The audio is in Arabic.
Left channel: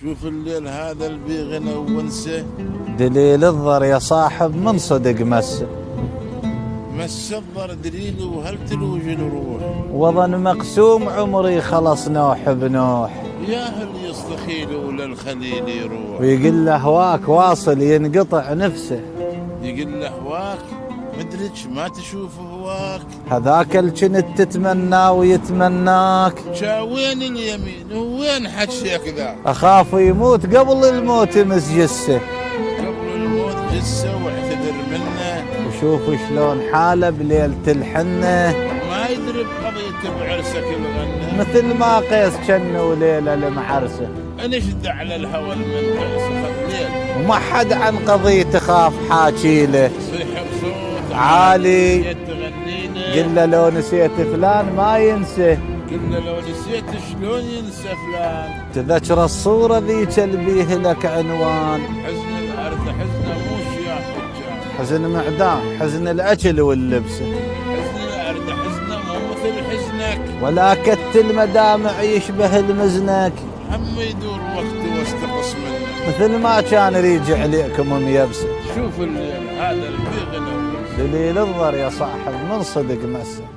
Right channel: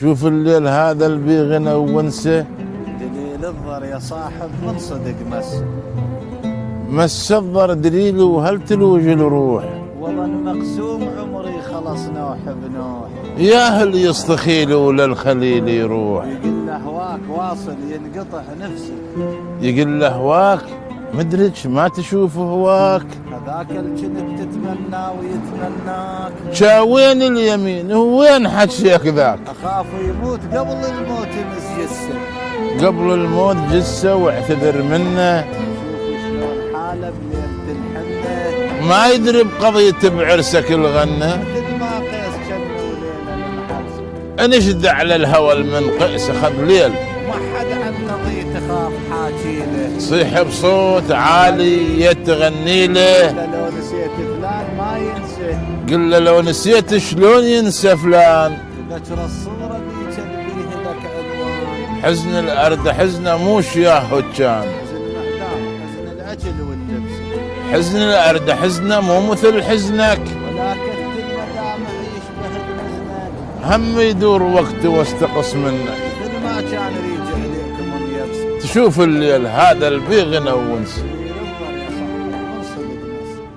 شوف الليل هذا اللي غنى ونسه، دليل الضر يا صاحب من صدق مسه. مس الضر دليله وهل تلوج الروح، وظن مقسوم عمري خلص نوح بنوح. يا هل يستخيل ولا الخليل يروح. ويقول له هواك واصل ينقطع نفسه، يقول له هواك مدرج ما تشوف هواك. هذاك الجنت تتمنى ويتمناك. شاوين اليمين وين حشيك ذاك. أخاف يموت قبل الموت يمس جسه، قبل الموت جسه واعتذر منه. وشوف شلون حاله بليلة الحنه، ما يدري بقضية بعرسك الغنة. مثل ما قيس كنه ليلة لمحرسه. انشد على الهوى من قيس خذ ليل، وما حد عن قضية خاف حاكي له. صيح بصوت عالي يتغني له. إلا لو نسيت فلان ما ينسى، قل له لو نسيت شلون ينسى فلان. تذكر الصورة ذيك اللي بيه لك عنوان. حزن الأرض حزنه موش يا هجان، حزن معدام حزن الأكل واللبس. حزن الأرض حزنه مو مثل حزنك، ولا كت المدامع يشبه المزنك. هم يدور وقت واستقص منه. مثل ما كان يريج عليكم ميبس. تشوف الليل هذا اللي بيه غنى ونس. دليل الضر يا صاحب من صدق مسه.